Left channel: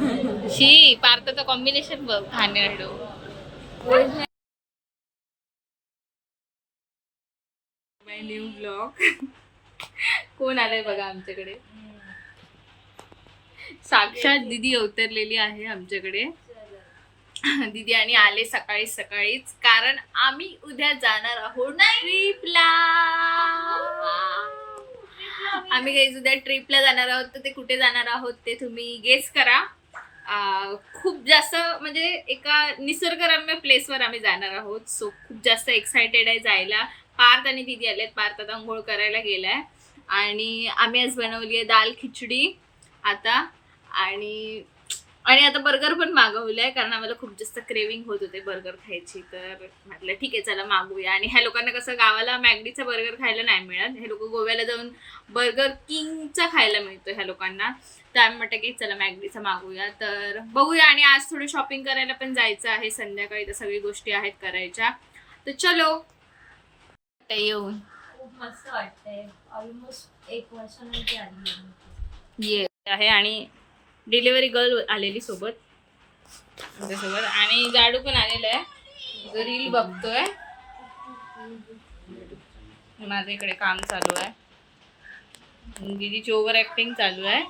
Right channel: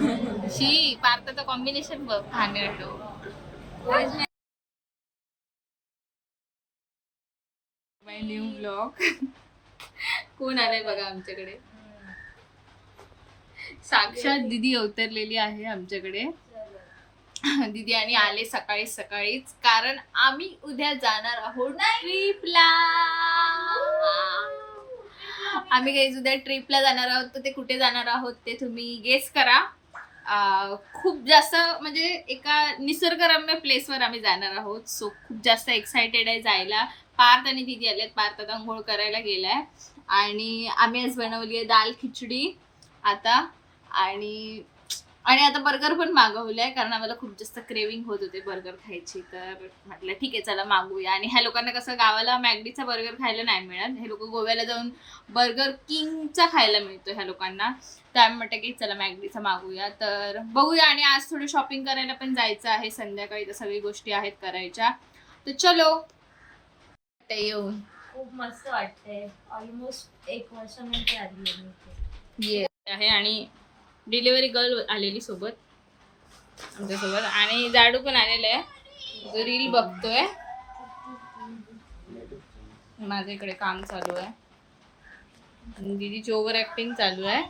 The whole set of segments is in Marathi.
शी पार्थचं कॉम्बिनेशन बघ खाण्याडो. माय न्यू ब्लॉग. कोण आलंय बघा आमच्याकडे. साक्षात दीदी अवतरलेली आहे आमच्याकडे. दीदी आणि आले सकाळी सकाळीच, कारण आम्ही उद्या जाणार आहोत ट्रिपला. आम्ही काही उद्या ट्रिपला जाणार आहोत. तर ते कुठे जाणार आहोत ते तुम्ही गेस करा. खूप जास्त म्हणजे एका निसर्गरम्य प्लेसवर आम्ही जाणार आहोत. सो खूप जास्त एक्सायटेड आहे जायला. पार्थ आणि दीदी आलेत. पार्थ आता आंघोळ करायला गेलाय आणि आम्ही आज बनवली आहे दाल खिचडी आता. आणि आता बर्गर पण मागवलंय, कारण आम्हाला खूप जास्त क्रेविंग होत होते बर्गर खायची. तर म्हटलं ठीक आहे चला मागवूया. आणि ह्या लोकांना कसं गावाला मॅगडीचा बर्गर खायला नाही मिळत. हे लोक गोव्याला जाऊन बर्गर किंगचा खायला मिळतो ह्या लोकांना. तर आम्ही म्हटलं की चला मॅगडीचा मागवूया. तर बघूया. आणि आज थोडी शॉपिंग करायला पण जायचं आहे संध्याकाळी. तर सगळी गोष्टी आहेत करायच्या. तर चलो येऊन खूप मस्त वाटतंय. ऑलमोस्ट 1 वर्षानंतर आली ये आहे. आणि डिलिव्हरी गर्ल आलेली सोबत आमच्यासोबत. आणि जाडू पण आलेला आहे जो रील बघतोय. माझं इकडे काम चालू आहे. दीदीची ओव्हर ऍक्टिंग चालू आहे.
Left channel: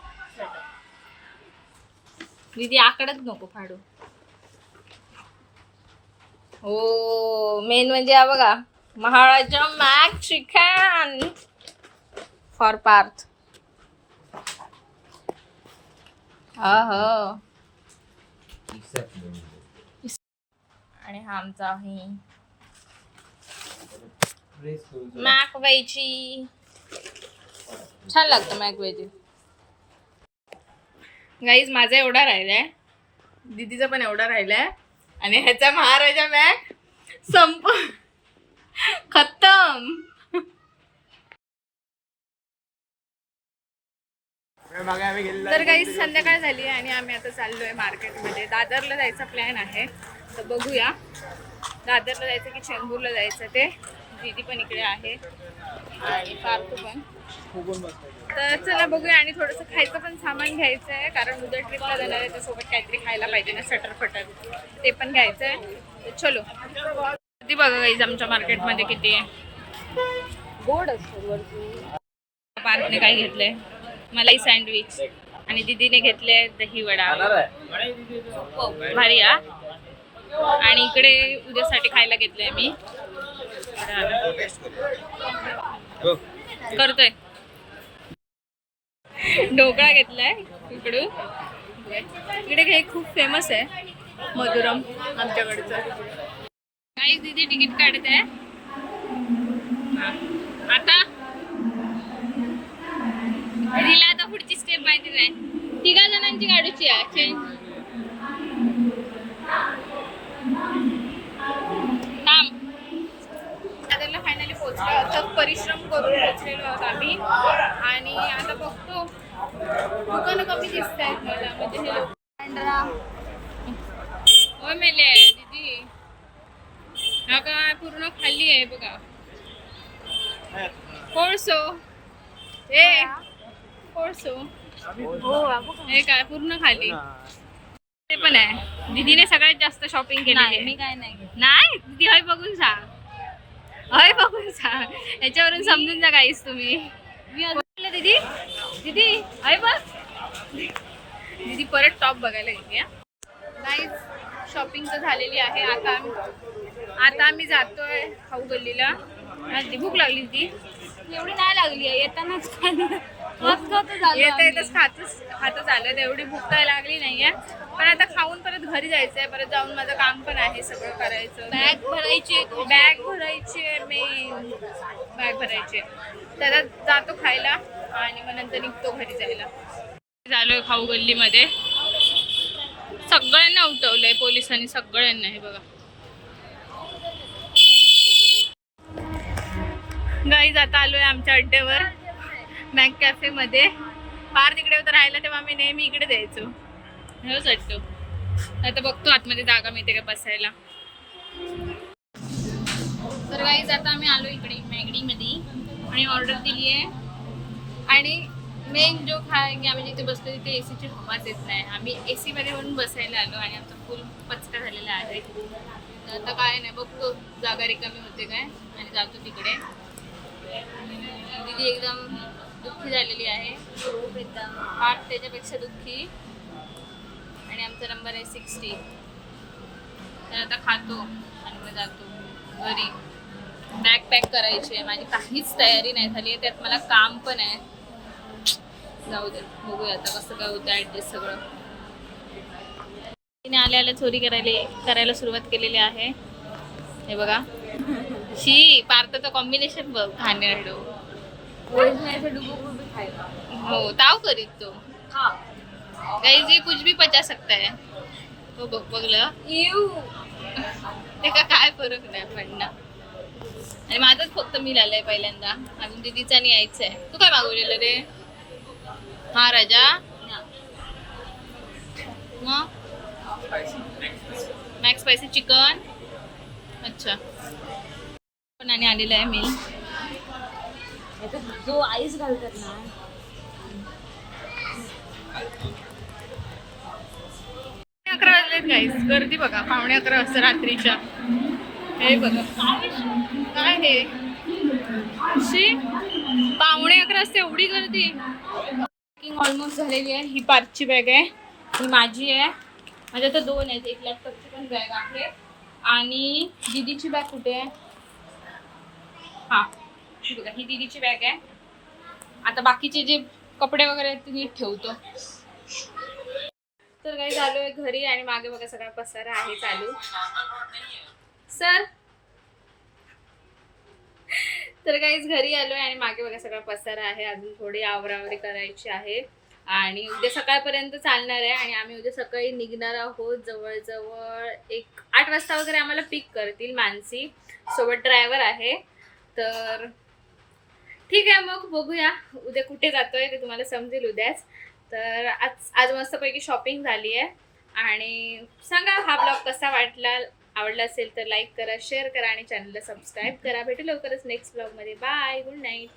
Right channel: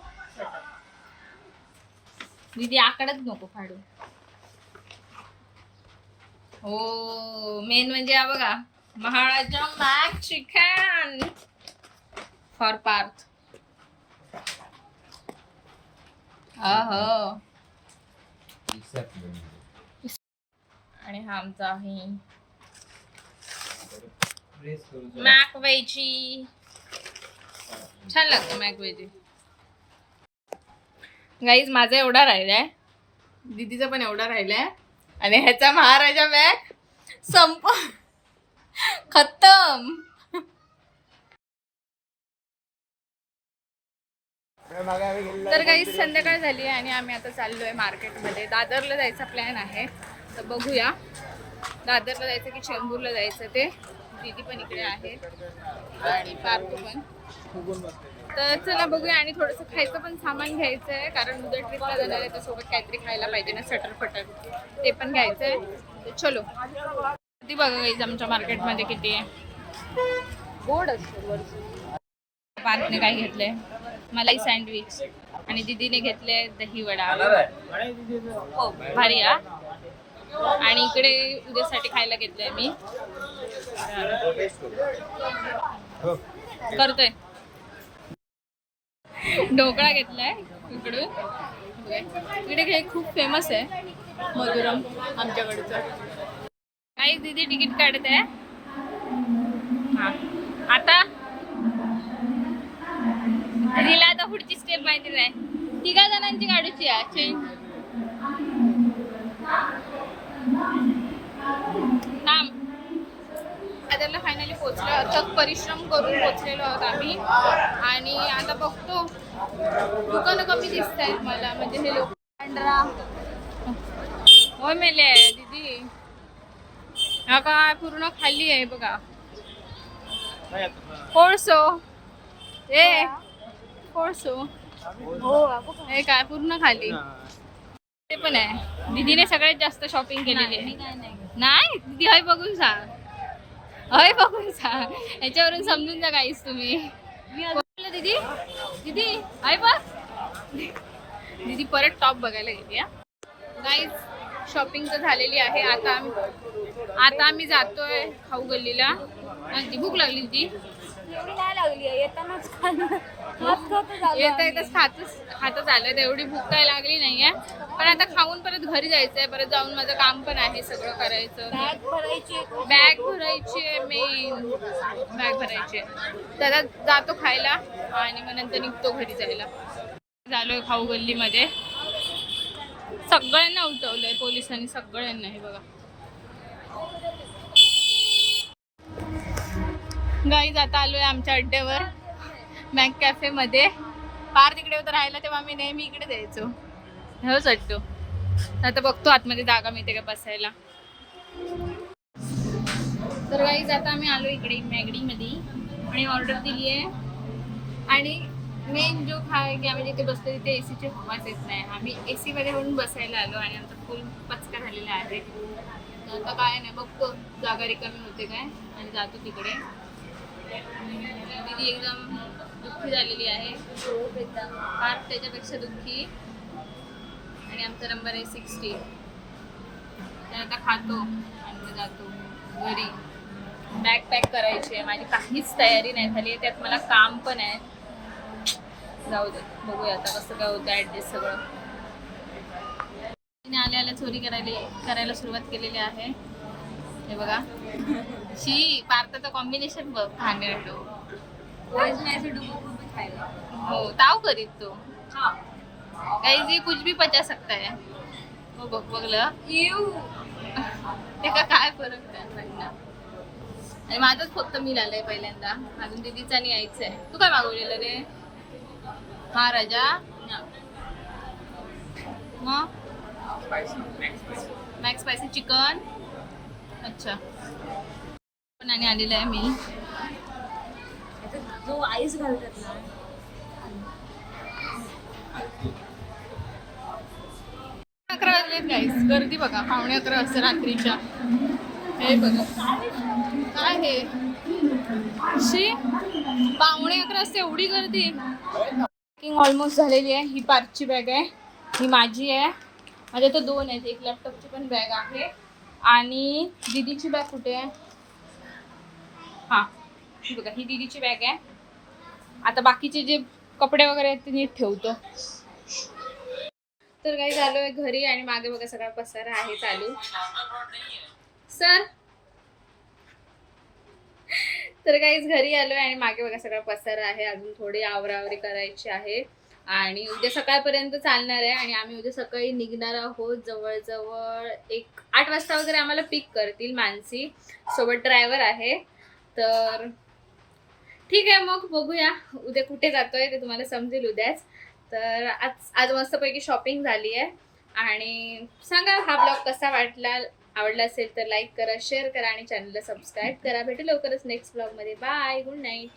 दीदी आकडच नको फाडू. हो मेन म्हणजे हा बघा महाराजा मॅक चिकन फॉर पार्थ. आणि हा आमचा आहे मॅक वेजी. छान लागतं मॅक वेजी. गाईज माझा एवढा राहिलाय, दीदीचा पण एवढा राहिलाय. आणि ह्याचा महाराजा मॅक खत्तम. तर काही संध्याकाळ झाली आहे आणि आम्ही आता चाललोय मार्केटमध्ये. दादरला जायचा प्लॅन आहे. तर बघूया दादरला जायचं की चेंबूरला जायचं ते. दीदी पण इकडे आहे आणि पार्थू पण. तर चला बघूया. आणि थोडंसं खायचं पण सामान घ्यायचं आहे, कारण उद्या ट्रिपला जाणार आहे तर सोबत काहीतरी खायला पाहिजे ना, सटर फटर ते पण घ्यायचं आहे. तर चलो. ती बघा गाईज आमच्या मार्केटमध्ये किती आहे. गोड असतो. पार्थने काय घेतलंय, मलाई सँडविच. आणि दीदीने घेतले दही वडा. भारी हा. आणि इकडे उद्यासाठी खायला घेतलंय मी. करतोय ढोकळा घेतलाय इकडून. इकडे हे खूप फेमस आहे मधुरम आमच्याकडचं. काही दीदी तिकीट काढत आहे. हा आता तिला आता पुढची स्टेप माहिती नाही. 3 जणांची काढूची आहे चेंज. दादरला फायनली पोहोचलो. अथक परिश्रम करून पोहोचलेलो आहोत आम्ही. आणि आता बघतो दुकानं कमी दिसत आहेत मला, म्हणजे हे लोक. हो मेले दीदी. हा काय पूर्ण खाली आहे बघा. कोळसो हे कोळसो हे काय पूर्ण खाली. ते पण आहे. दीदीने सगळ्यात जास्त शॉपिंग केलेली आहे. मी काय नाही दीदी हय बघून सांग. हय बघून सांग. याच्यावरून समजून जा काहीच तुम्ही. दीदी दीदी हय बघ. दीदी परत टॉप बघायला गेली. गाईज शॉपिंग तर झालेली आहे. आता आम्ही जातोय खाऊ गल्लीला. भूक लागली ती एवढी नाही लागली आहे. येतानाच येता येतच खातच आलं. एवढी भूक काय लागली नाहीये. पण आता खाऊन परत घरी जायचंय. परत जाऊन माझं काम पण आहे सगळं करायचं. बॅग भरायची आहे. मेन बॅग भरायची आहे. त्याला जातो खायला आणि मग नंतर निघतो घरी जायला. झालोय खाऊ गल्लीमध्ये. सगळ्यांना उठवलंय पोलिसांनी सगळ्यांना. हे बघा गाईज आता आलोय आमच्या अड्ड्यावर मॅक कॅफे मध्ये. पार तिकडे होतं राहायला तेव्हा आम्ही नेहमी इकडे द्यायचो. हो चट्टू. आता बघतो आतमध्ये जागा मिळते का बसायला. तर गाईज आता आम्ही आलो इकडे मॅगडीमध्ये आणि ऑर्डर दिली आहे. आणि मेन जो आहे की आम्ही जिथे बसलो तिथे एसीची हवाच येत नाही. आम्ही एसी मध्ये म्हणून बसायला आलो आणि आमचा फुल पचका झालेला आहे. तर आता काय नाही, बघतो जागा रिकामी होते काय आणि जातो तिकडे. दीदी एकदम दुःखी झालेली आहे, खूप एकदम फार त्याच्यापेक्षा दुःखी. आणि आमचा नंबर आहे 60. तर आता खातो आणि मग जातो घरी. बॅग पॅक करायची आहे, माझी काहीच तयारी नाही झाली आहे, त्यात मला काम पण आहे. जाऊ दे, बघूया आता कसं काय होतं ॲडजस्ट सगळं. तिने आल्या चोरी करायला सुरुवात केलेली आहे. हे बघा, शी पार्थचं कॉम्बिनेशन बघ, घाणेरडो. हो, ताव करीत तो काही जे कुछ भी पचा सकता है. हो बघ, बघलं ते का काय फरक नाही पडणार. आणि माझंच फक्त मील आलंय पहिल्यांदा, अजून दीदीचा आणि यायचं आहे. तू काय मागवलेलं रे? हा राजा, मग मॅक्स स्पायसी चिकन. अच्छा, पण आणि आलेलं आहे मील. जो आईस घालतात ना. 11 वाजलेत गाईस, गर्दी बघा. 11:15 वाजता रात्रीच्या. हे बघा काय हे, शी 11:15 वाजता एवढी गर्दी. पॅकिंग ऑलमोस्ट झालेली आहे. ही पार्थची बॅग आहे, ही माझी आहे. माझ्या तर 2 आहेत, एक लॅपटॉपची पण बॅग आहे आणि दीदीची बॅग कुठे आहे? हां, ही बघा, ही दीदीची बॅग आहे. आता बाकीचे जे कपडे वगैरे आहेत ते नीट ठेवतो. तर काही झालोय घरी आणि मागे बघा सगळा पसारा आहे चालू. सर, तर काहीच घरी आलोय आणि मागे बघा सगळा पसारा आहे. अजून थोडी आवरावरी करायची आहे आणि उद्या सकाळपर्यंत चालणार आहे. आणि आम्ही उद्या सकाळी निघणार आहोत. जवळजवळ 8 वाजता वगैरे आम्हाला पिक करतील मानसी सोबत, ड्रायव्हर आहे. तर ठीक आहे, मग बघूया उद्या कुठे जातोय ते तुम्हाला समजेल उद्याच. तर आज मस्तपैकी शॉपिंग झाली आहे. आणि सांगा हा ब्लॉग कसा वाटला. आवडला असेल तर लाईक करा, शेअर करा आणि चॅनलला सबस्क्राईब करा. भेटू लवकरच नेक्स्ट ब्लॉगमध्ये. Bye, good night.